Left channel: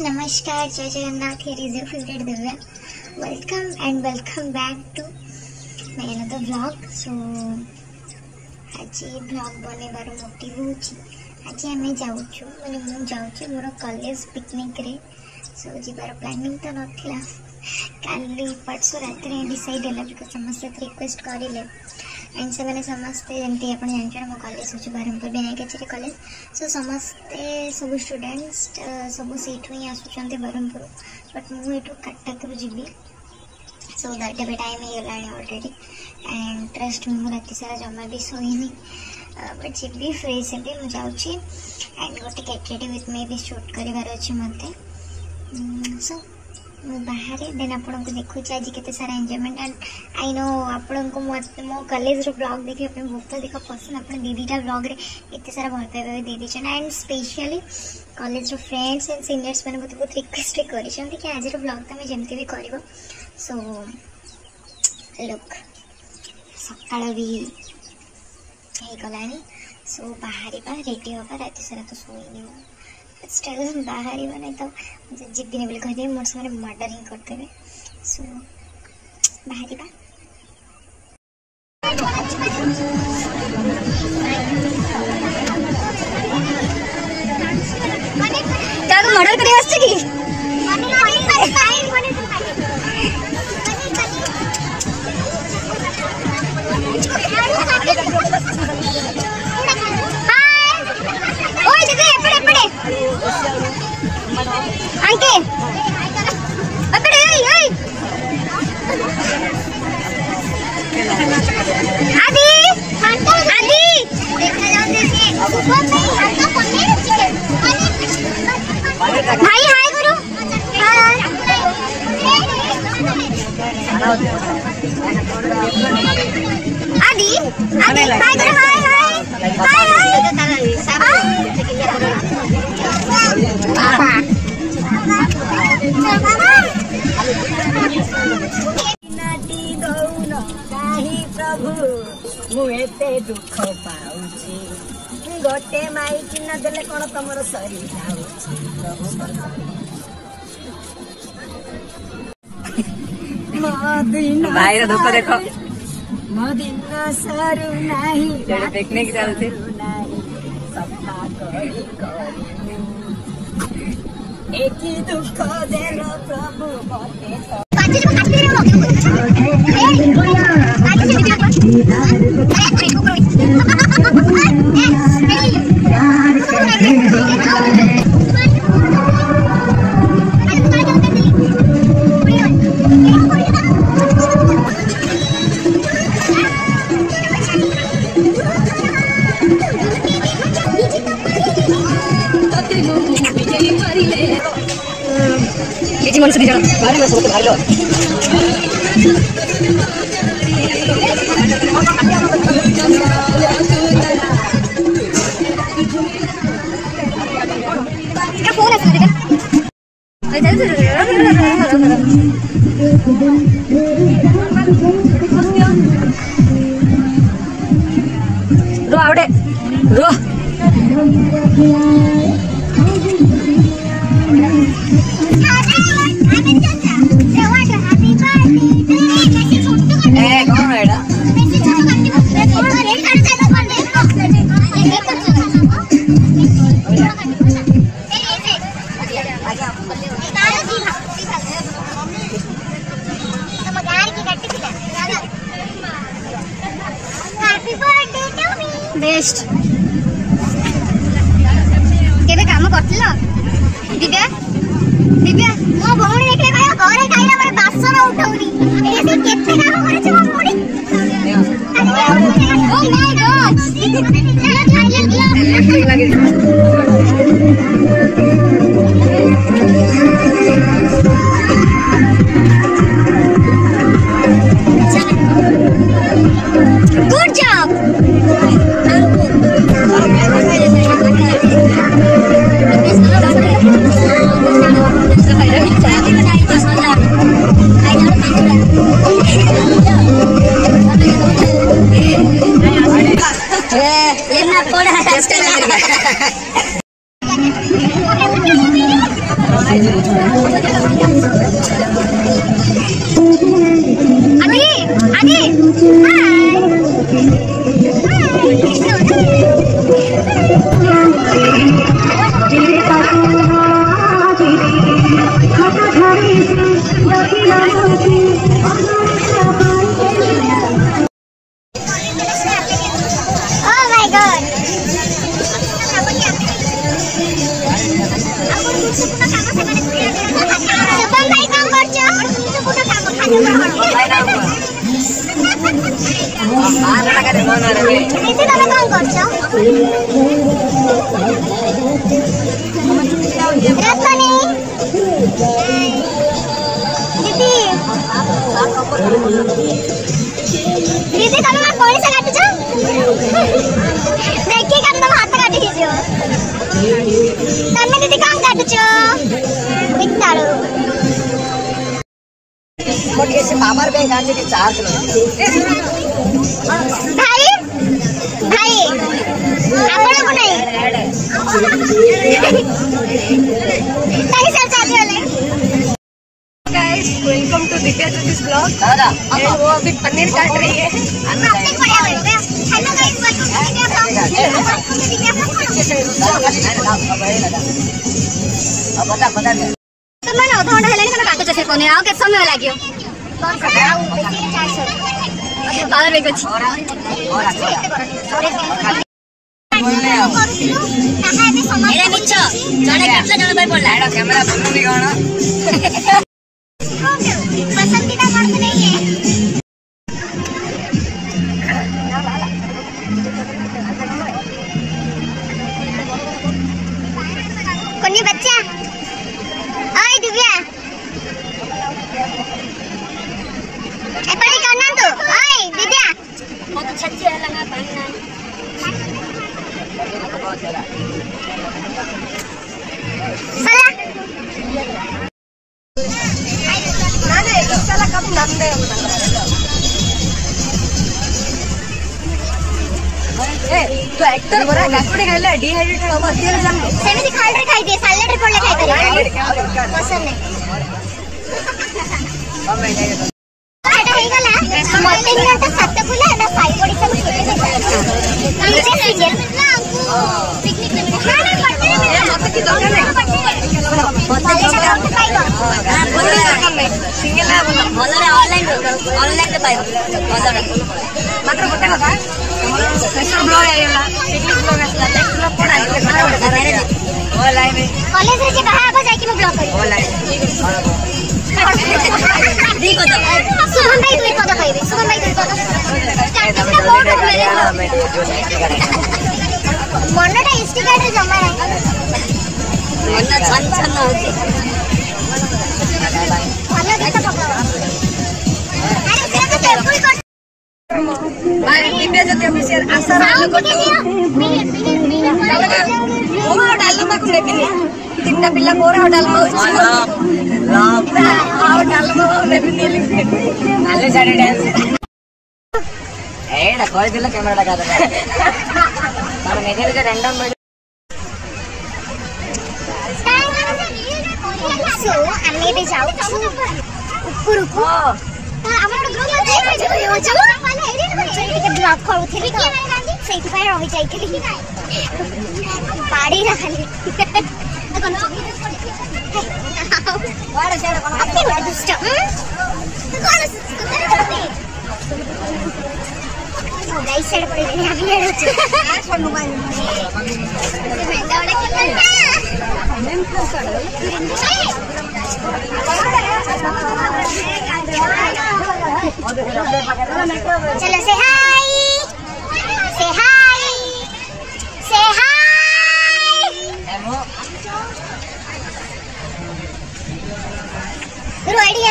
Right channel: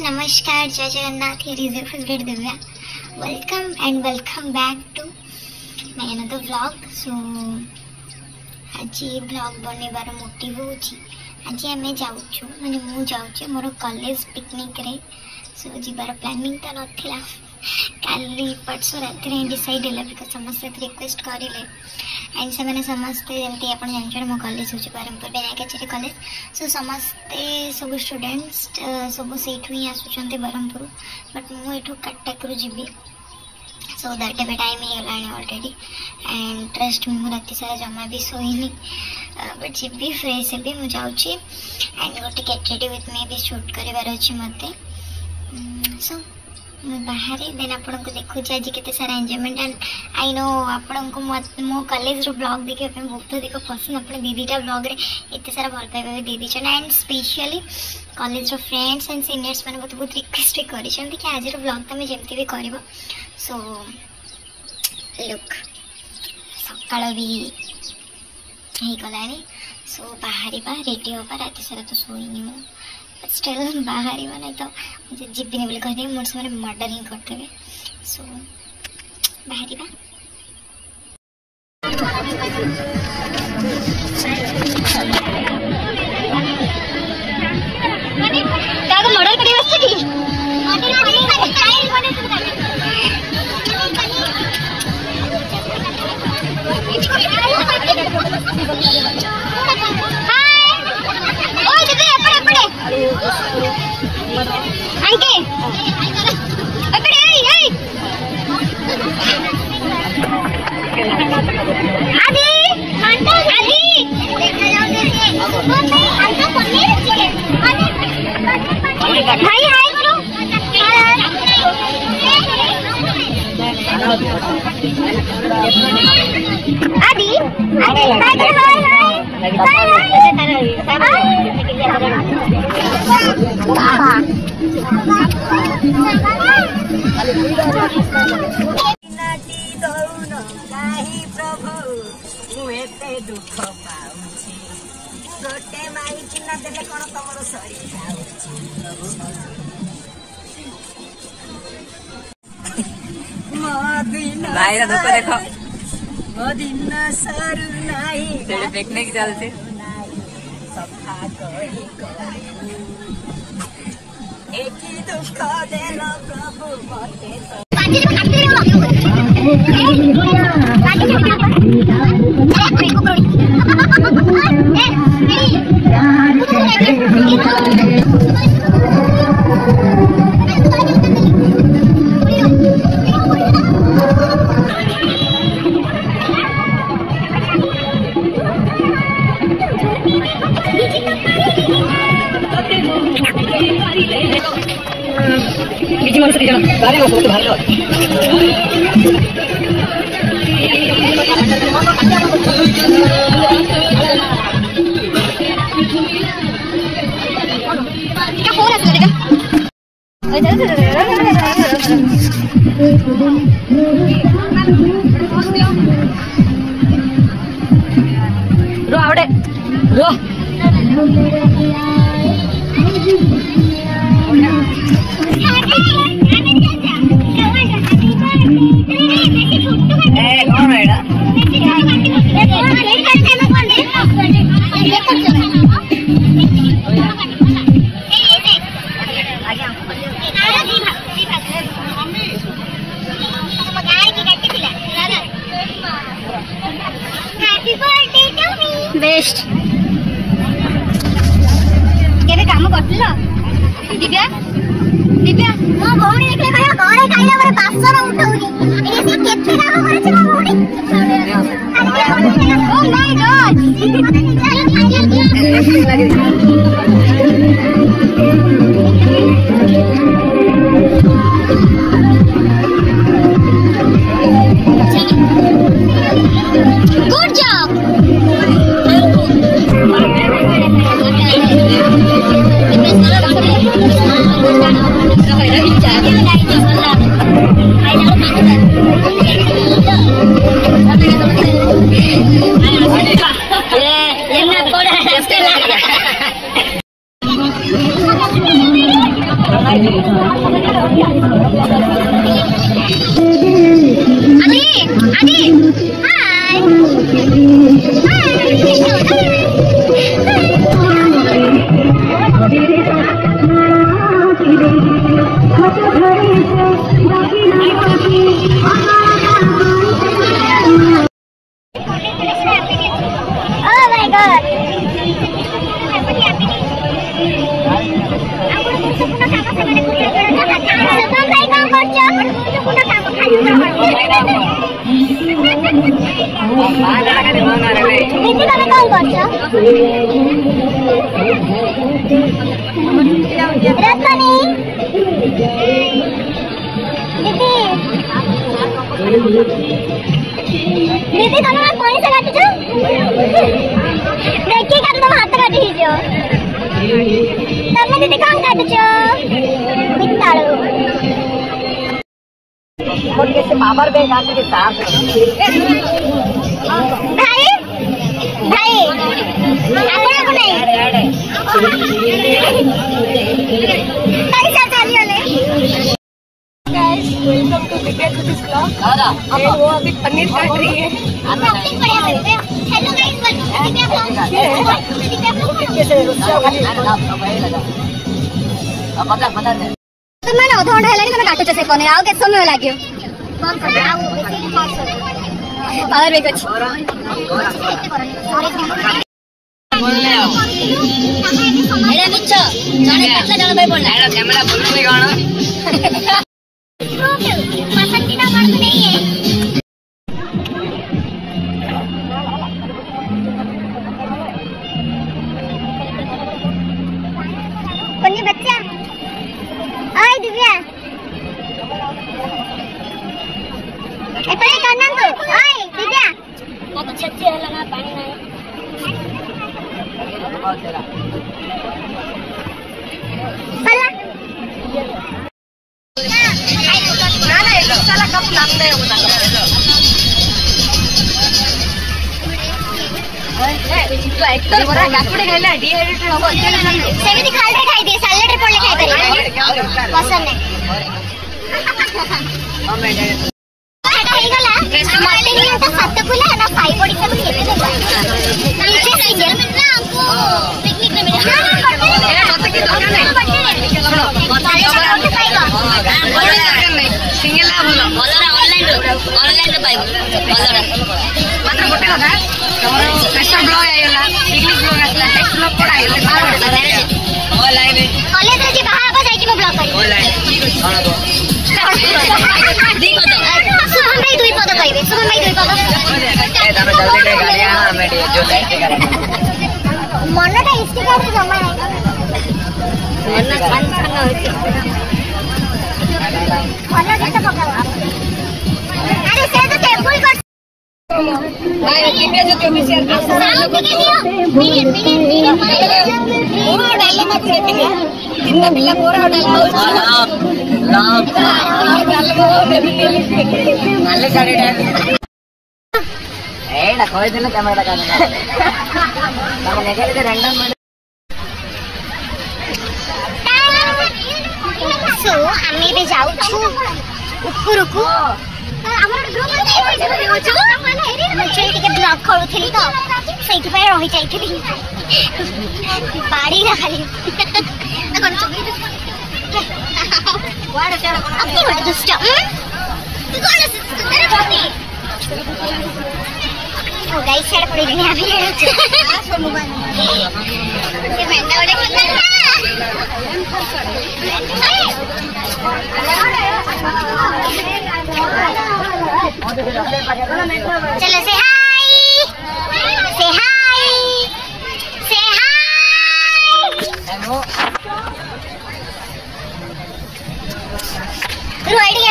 नमस्कार, जय Jagannath. Here is your favourite Divya. Welcome and welcome back to my another vlog. So आज vlog बनवार motive हूँ आज आम जाऊँ माने मु जाऊँ मोर कॉलेज पिकनिक रे। सो जीवार प्लानिंग तो नाला काली परसों राति डिसाइड है बिकज समस्ते रिक्वेस्ट करें एंड से मैंने समस्ते जमी आप जानते मो कॉलेज हूँ ब्रह्मपुर विनायक आचार्य कॉलेज। सो समस्ते सब स्टूडेंट्स सब सीठू ही आसुँच ब्रह्मपुर बट मुझे कटक जी। सो दैट एवं टाइम हो गला अलरेडी एंड ट्रस्ट मुझे राति सारा जमा भी सोईनी बट जी फ्रेश भी मुझे जाऊँगी एंड गोटे गेट रेडी विथ मी भी शूट करार अच्छी मत। सो बाहर देन आपन को देखो आज केते सारा एंजॉयमेंट एंड आई नो आपन को मो कॉलेज रो ब्लॉग देखिए बहुत अधिक पसंद। अपन दीदीटा ब्लॉग रे एते सारा भल पाइबा भी दीदी छन एंड स्पेशली कॉलेज रो फ्रेंड्स एंड सीनियर्स मैंने बहुत रिक्वेस्ट करी कि आज रो ब्लॉग तुम जमती भी करबो। सो लुक सकाळ भी हे गलानी। सो बाहर रेडी होगा राति सारा तो सोईनी हूँ स्टिल बाहर नहीं तो मुझे जीपी बोले कहते मोर से मर्डर ही करते। सो बाहर मर्डर करी अंके अबे ए आदि आदि देखा जाओ जैसे वो नहीं हमको पनीर चिकन हाय हाय गुरु आदि आदि हाय प्रभु मुझे दुख पाऊे गोटे माई चिन्ह देले कौन तुम सरी मो दिन सरू नहीं पिकनिक चलती सफा एक ही दुख देल प्रभु बारे में सोचते भाई रो आवड़े रो बेस्ट केबे काम करथिल दिव्या दिव्या मो भौणी देखले कहया घरे खाइला बरे बासन उठौनी एने से केते काम करे छ मो भौणी। Oh my good job. आगे दीदी तुम कौन से काट देखिए तुम हाथ काट तुम दीदी कौन काट पावर बैंक चार्ज भाई भाई वेलकम टू दिव्या ज्योतिष ब्लॉग। वो अभी पनीर काट रही है। Hello guys, welcome to Divya blog. तो मैं आधा घंटा हेलानी तने काटो से पनीर आउ के समय लाग्यो कौन सा पावर बैंक अछि बोलले आओ एडे मिछ जने केतला जण भाई पडला एडा कैमरा बोलले कोन पसंदीदा मर्द नहीं है। कोनी बच्चा ओए दिव्या ए पड़ी करना तो ओए दिव्या मैं तो छज्जे लगा पानी ना चला चला कब नाम दे ए तो एक्टर बरा गाकुडी खाइले डिहाइड्रेटेड हो सेमिति खाइले खाइ दे सैलेड रे पडले खाइ पारे पसंद नहीं एटा हे गला मोबाइल रे तो सत्त फुला ना फाइ बॉडी सब केते देबा नाइसे सिंगल मिला हमको पिकनिक रे मिला ए मत की दरकार नहीं मत खाइबा सिंगल बोलरा ऑनलाइन तो पाइबो बोलरा मात्र गोटे कथा तमरो स्पेशल ब्लॉग आइला पिकनिक ब्लॉग आसला नेक्स्ट ब्लॉग पड़ आइले ऑनलाइन कॉलेज रे जे बाहा आबा जाई कि ब्लॉग करी ऑनलाइन दी को तो सुमन भाई दुई पद कहबे सुमन भाई दुई पद ए तमे जल्दी गाड़ी आना मैं जो साइड करे मनटा स्टिकर रे जमा नाही एना छन छन होती खाना के तो पकाओ अरे से तो टेबल कर भाई दिव्या ज्योति मिसर आसा साउंड के लिए मिनिट पूरा डालना को देखिए तीनटा पिला पूरा डालना हो लाभ डालना देखिए नाले साड़ी डाल एड़ा कोई दिला कैमरा लगा दे हम नेगेर से रैंडम में सो हमें भी जाऊ छु ऊपर को हमर ग्रुप में देख छु मुझे टिके ब्लॉग करूथिली तो सेठी पे रही जाईथिली बाड़ी रखली कोन बड़ा सारा कोन अपनी बड़ा दुष्ट तू कोन सुंदर बनी ओ गाइस साइड पड़ी गई अभी ये मेंढा उड़े चलो से हाय से हाय से हाय हेलो रेडी है 1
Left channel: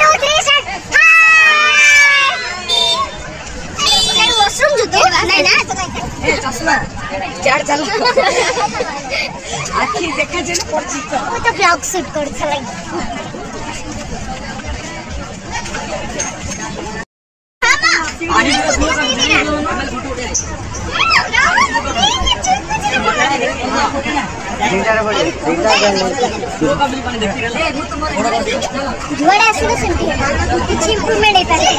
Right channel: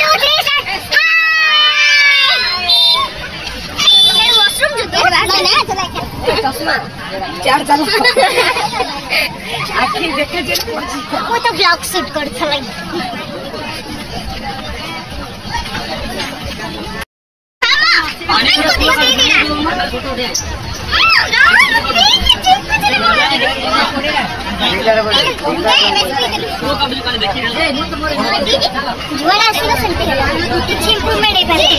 2 3 स्टार्ट हाय वॉशरूम जो दो ना ना ए चश्मा चार चला आखी देखे जे पड़ वो तो ब्लॉग शूट कर छलाई पानी पूरा जुआड़ा आसीला सेमती होला किछि इंप्रूवमेंट हे पारे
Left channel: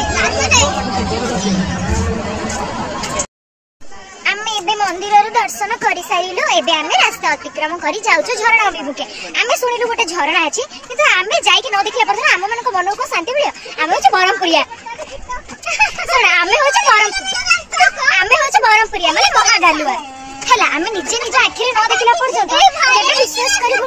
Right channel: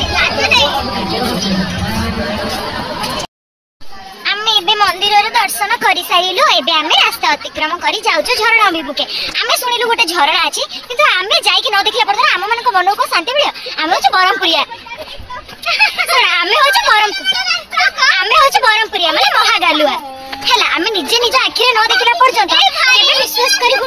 आमे एबे मंदिर रे दर्शन करि साइलु एबे आमे रास्ता अतिक्रम करि जाउछु झरणा अभिमुखे आमे सुनिलु गोटे झरणा अछि किंतु आमे जाई कि न देखला पर हम मन को मन को शांति मिलियो आमे होछ बरमपुरिया आमे होछ बरमपुरिया माने महागालुआ हला आमे निजे निजे आखिरे न देखला पर्यंत केबे विश्वास करिबु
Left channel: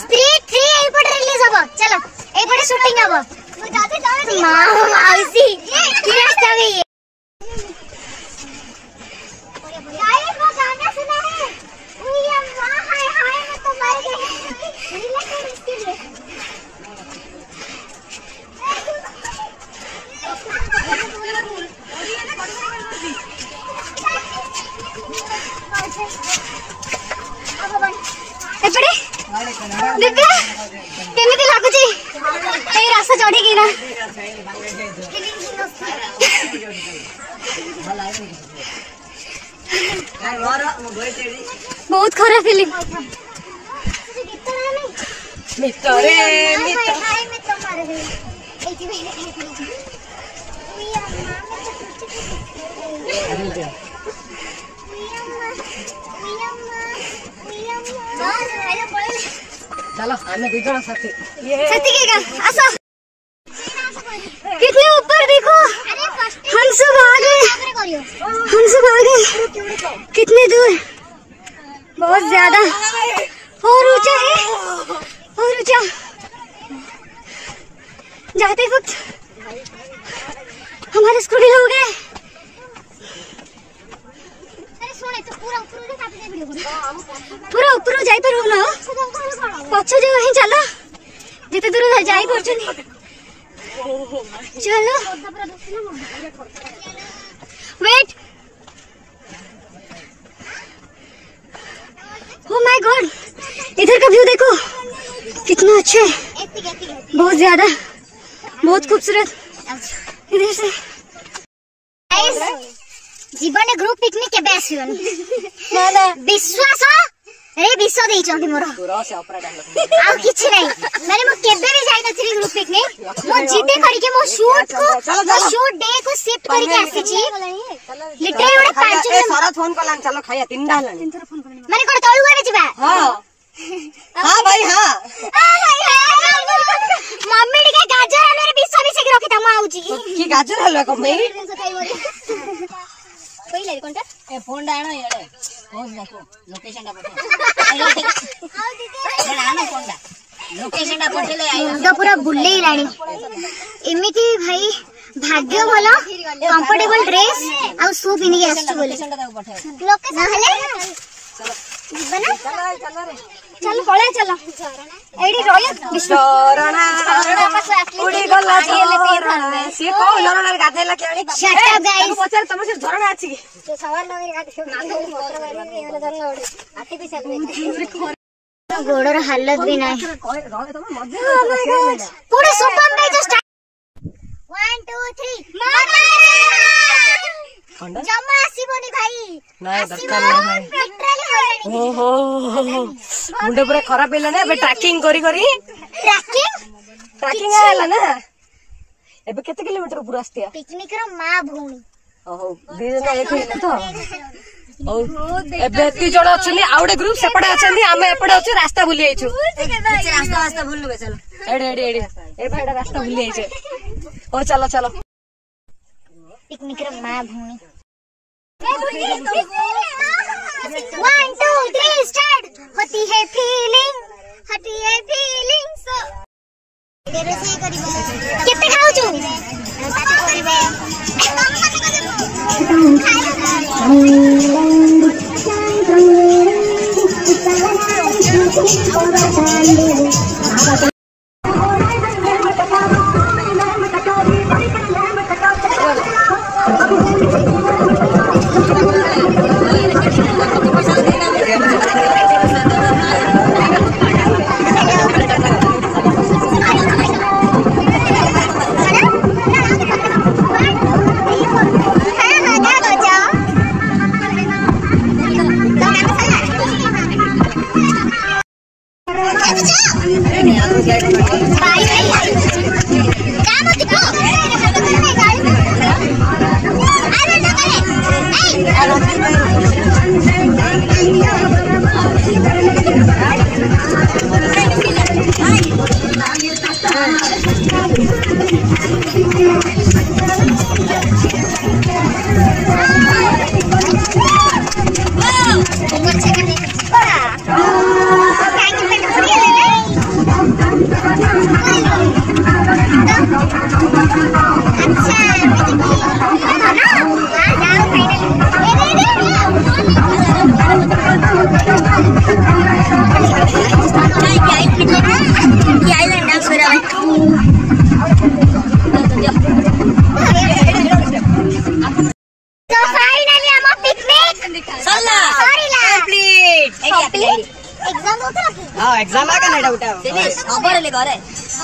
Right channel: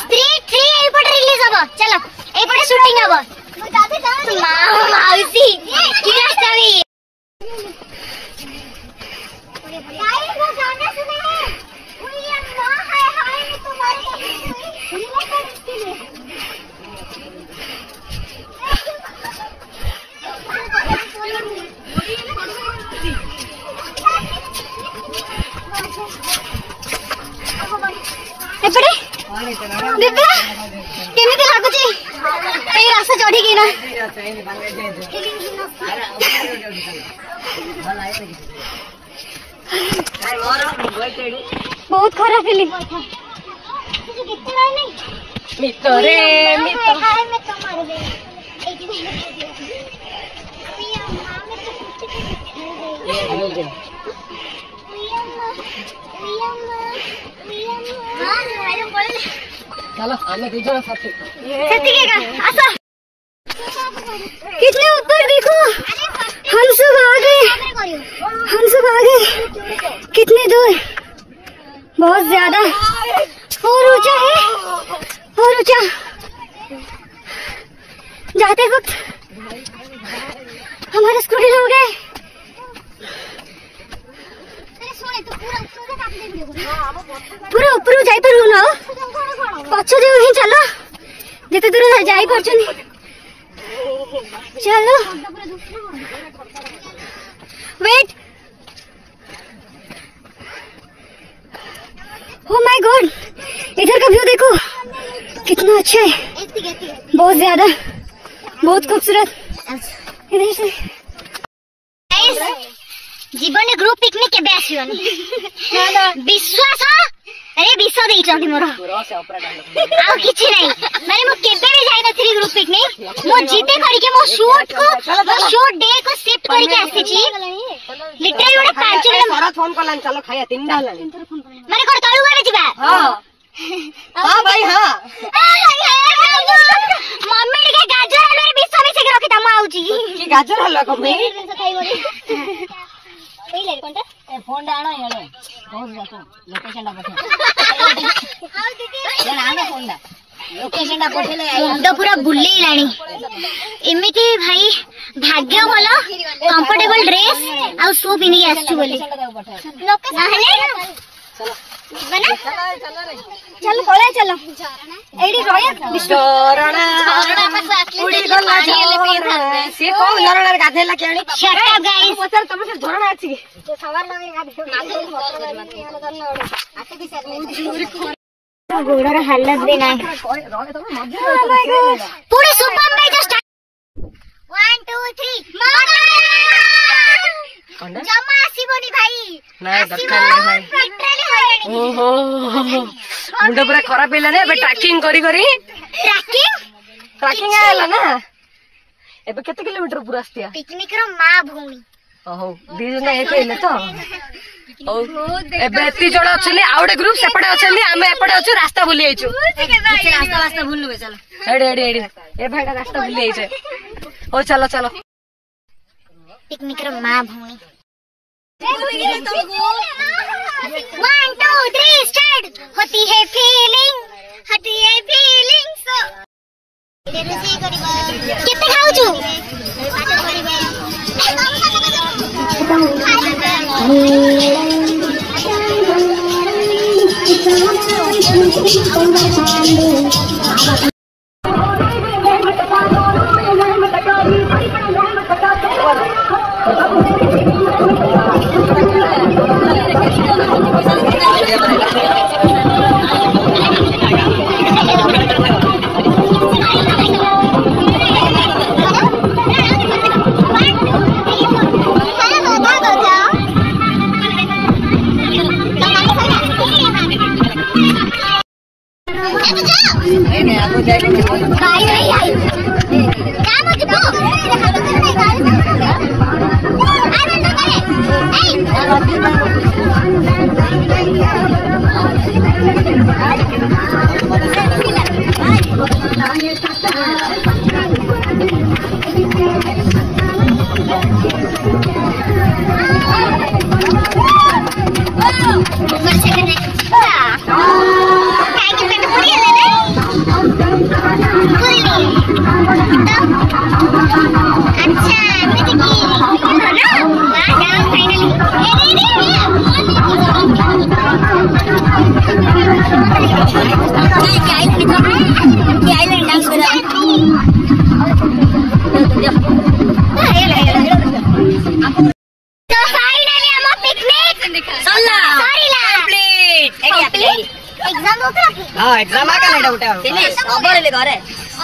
स्ट्रीट 3 एपट रिलीज हबो चलो एपट शूटिंग हबो मु जाते जाने माउसी की रास्ता में ये गाइस वो गाना सुना है ओए अम्मा हाय हाय मैं तुम्हारे रिलैक्स कर इसके लिए एपड़े दिव्या केमिति लागुची एई रास्ता चढ़ी की ना बहुत खराब फीलिंग मितरे मित हाय मैं तुम्हारे भी एटी भी चलो आने दूसरा साथी साथी के आसो कितने ऊपर देखो हंस भागे कितनी दूर बहुत ज्यादा और ऊंचा है और ऊंचा जाते वक्त हमारे स्कूटी हो गए पूरा ऊपर जाई पर ना पछ जो ही चलो जते दूर जाई परछनी चलो वेट ओ माय गॉड इधर का व्यू देखो कितना अच्छा है बहुत ज्यादा बहुत खूबसूरत इधर से जीवन ग्रुप पिकनिक के बेस हुनी विश्वास अरे विश्व देई चंदी मोर आ किछि नै माने मो केबे भी जाई नथि ग्रुप पिकनिक मो जीते करी के मो शूट डे को शिफ्ट करी के आसी छी लिटरे ओडे 5 मिनट शरद फोन करलान चलो खाया 3 डाल माने कोन तळु गरे जिबा हां हां भाई हां मम्मी के गाजर हलवा रे विश्व मिसे के रखि तमा आउची की गाजर हलवा को भाई दिन से खाई बोली पहिले कोनटा ए फोन डाणो येले बहुत देखो लोकेशन डा पठे ये आना फोन डा लोकेशन डा पठेले आई तो पूरा बुल्ले राणी इमिति भाई भाग्य भलो कंफर्टेबल ड्रेस आ शू पिनी के आछू बोली लोकेशन हले चलो जीवना चल पळे चलो एडी रोय झरणा उडी गला से को झरणा गाधेला केणी शट अप गाइस पचार तम से झरणा अछि की तो सवार लगे गाधे आटे पैसा गोडर हालत भी नाही पूरे सुपर में जस्ट 1 2 3 जमा आसीबोनी भाई नहीं दरकार नहीं भाई लिटरली होइनी ओहो मुंड पूरा खराब हेला ने बे ट्रैकिंग करी ट्रैकिंग आला ना एबे केते किलोमीटर पूरा आस्तिया पिकनिक रो मां भूमि ओहो दिजना एक हेले तो ओ एबे एती जोड़ा अछनी आउडे ग्रुप सेपडे अछनी आमे एपडे अछु रास्ता भूली आइछु रास्ता भूलबे चलो एडी ए भाईडा रास्ता भूली आइछे ओ चलो पिकनिक रो मां भूमि 1 2 3 स्टार्ट होती है फीलिंग सो कितने खाऊ छु एग्जाम आ गया उठा फिनिश अबर ले करे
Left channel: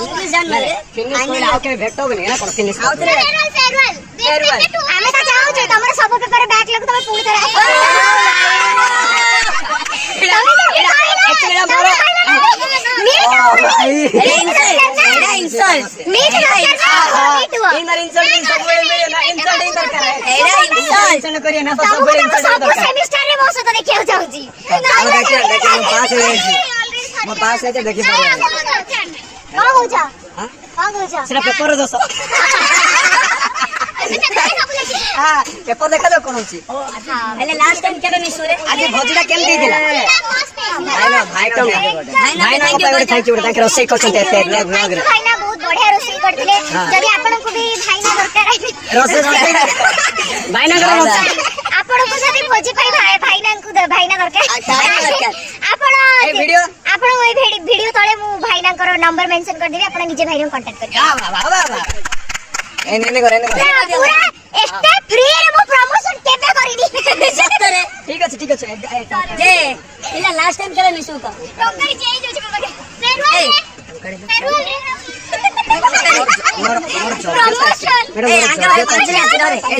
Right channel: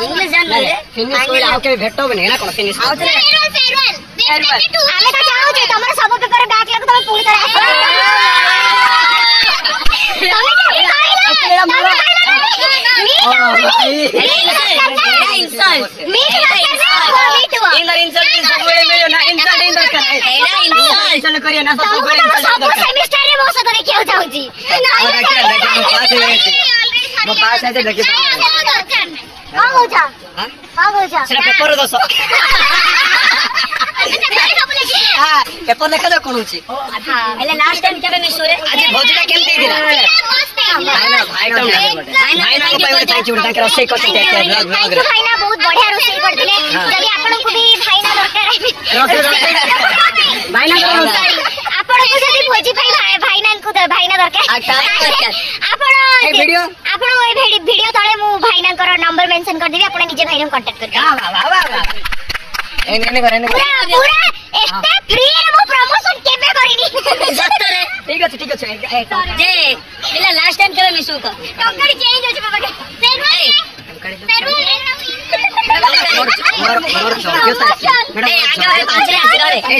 इंग्लिश जान ले फिनिश कोई आउ के भेटो बने ना कोन फिनिश आउ फेयरवेल हमें तो जाओ जे तमरा सब पेपर बैक लग तो पूरी तरह तमे एक्चुअली मोरा पास है देखि सेटा पेपर दस हां पेपर देखा जो कोन अछि पहले लास्ट टाइम केबे निसोरे आज भोजडा केम दी दिला भाई तो भाई ना पे थैंक यू थैंक यू रोसे करछन भाई ना बहुत बढ़िया रोसे करथिले जदी आपन को भी भाई ना दरकार रोसे भाई ना आपन को जदी भोजी भाई ना को भाई ना दरकार आपन वीडियो आपन वीडियो तळे मु भाई ना करो नंबर मेंशन कर देबी आपन निजे भाई रे कांटेक्ट कर वाह एने करे पूरा एस्टे फ्री रे मु प्रमोशन केबे करिनी सत्तरे ठीक अछि जे पिला लास्ट टाइम केबे मिसु का टोकरी चेंज होछ बाबा के फेरवेल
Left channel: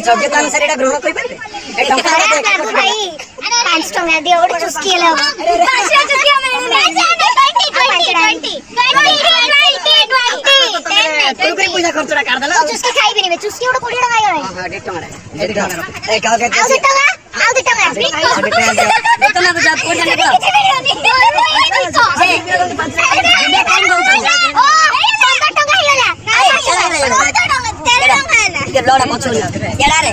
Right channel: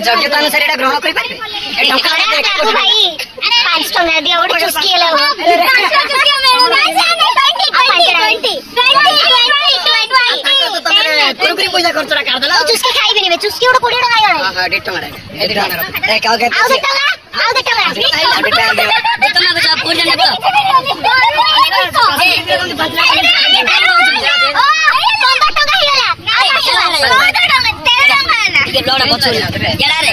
योग्यता अनुसार एटा ग्रहण करि पारे ए टंका भाई 5 टंका दियो ओड चुस्की ले 5 चुस्की कुरकुरे पैसा खर्च कर देला तो चुस्की खाइबे नि चुस्की ओड 20 टंका आयो हां 1.5 टंका रे ए का के आउ दे टंका तो जा पूरा देबो के लोड़ा बचो केला रे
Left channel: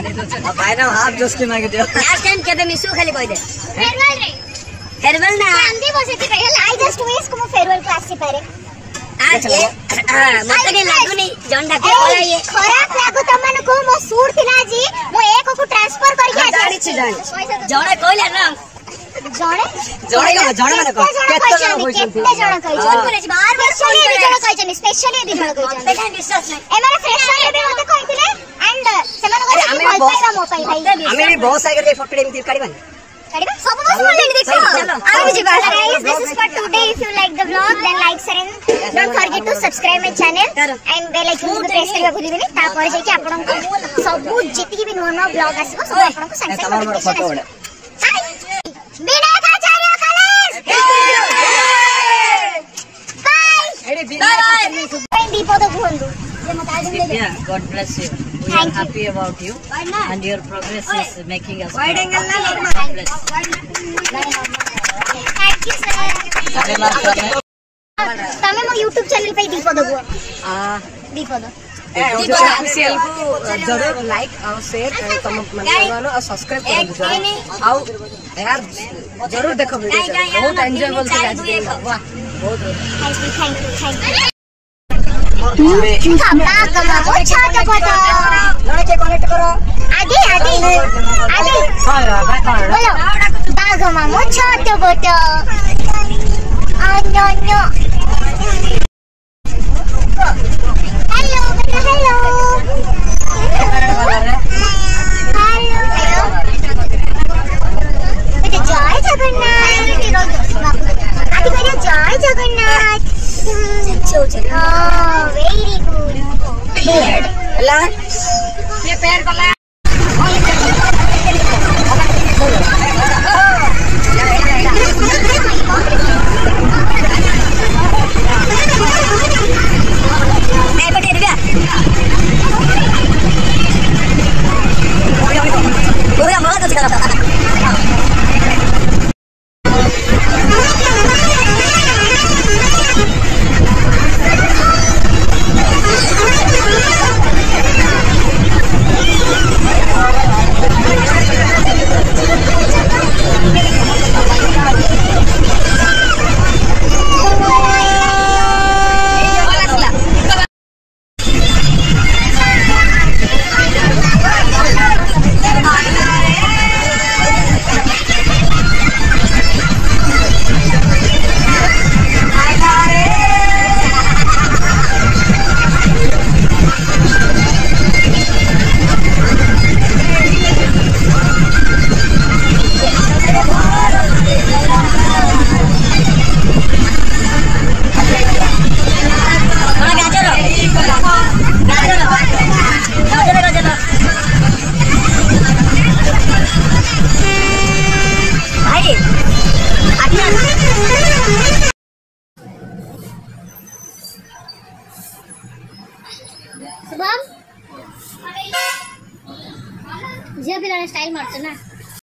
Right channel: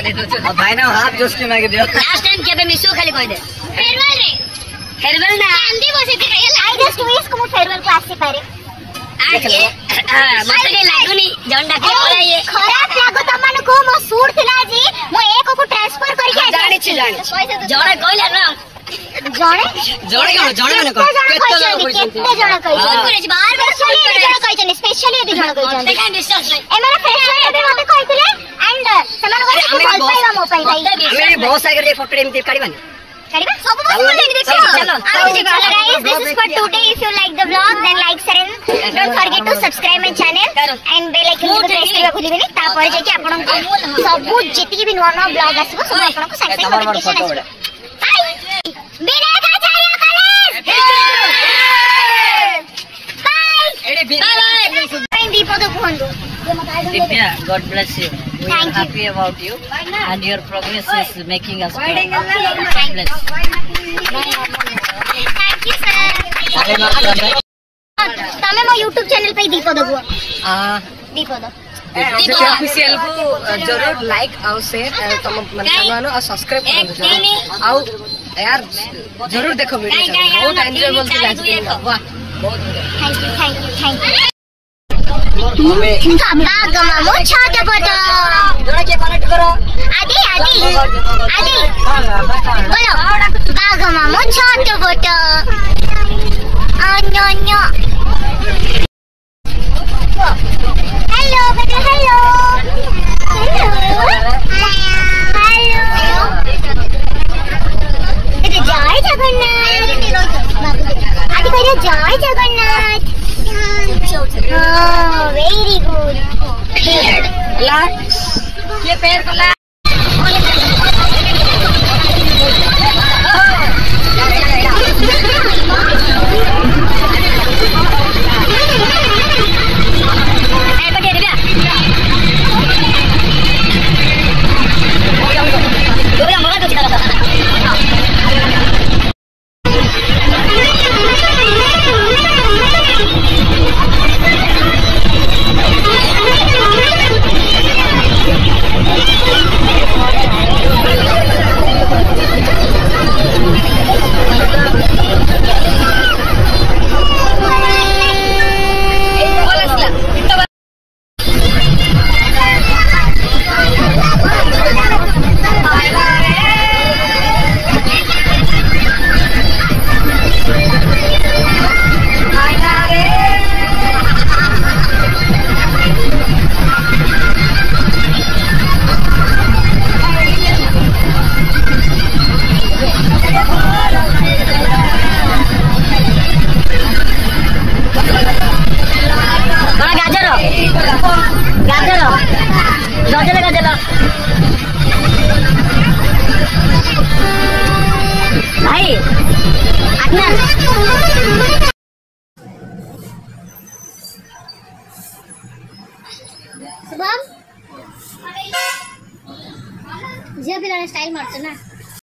भाई ना हाथ चुस्की मांग दियो लास्ट टाइम केबे मिसु खाली कहि दे फेरवेल ना आंधी बसे थी आई जस्ट विश को फेरवेल क्लास से पारे आगे मते के लागुनी झंडा के पलाइए खराब लागो तमन को मो सूट थिला जी मो एक को ट्रांसफर करके जानि छी जणे कहला ना जणे माने को केते जण होइछन केते जण कहि बार सुन करे जण कहिछन स्पेशली यदि जण कहिछन एटा विश्वास नै ए माने फ्रेशर यदि मते कहितले एंड समान को भल पाइबा मो पाइ भाई हमें बहुत सागर ये फोटो एमती काढिबानी सब बस लेके देखो चलो guys, this is for today. If you like the vlog, then like, share, and don't forget to subscribe my channel and bell icon को press करबा भूलिबेनी तापर जे कि आपन को सब जेति भी नवा नवा vlog आसीबो सब आपन को संग संग फोटो बडा विनायक आचार्य कॉलेज बाय एडी बाय दीपद भोंदु Divya, God bless you. We are happy about you and your progress is making us proud. God bless. Thank you sir. तमे मो YouTube चैनल पे दीपद भों दीपद ऑफिशियल जरूर लाइक और शेयर तुम मानो और सब्सक्राइब करो आओ यार जरूर देखो वीडियो बहुत एंजॉय बोलते आज दिन वाह बहुत बढ़िया थैंक यू बागमा मो छोटा फोटो जरा के कनेक्ट करो आदि बोलो बागमा मो छोटा फोटो अन्यो हेलो बेटा हेलो बेटा जय जगन्नाथ आदि कहले जय जगन्नाथ वेरी गुड ला ये पैर कर ला स्टाइल मारछ ना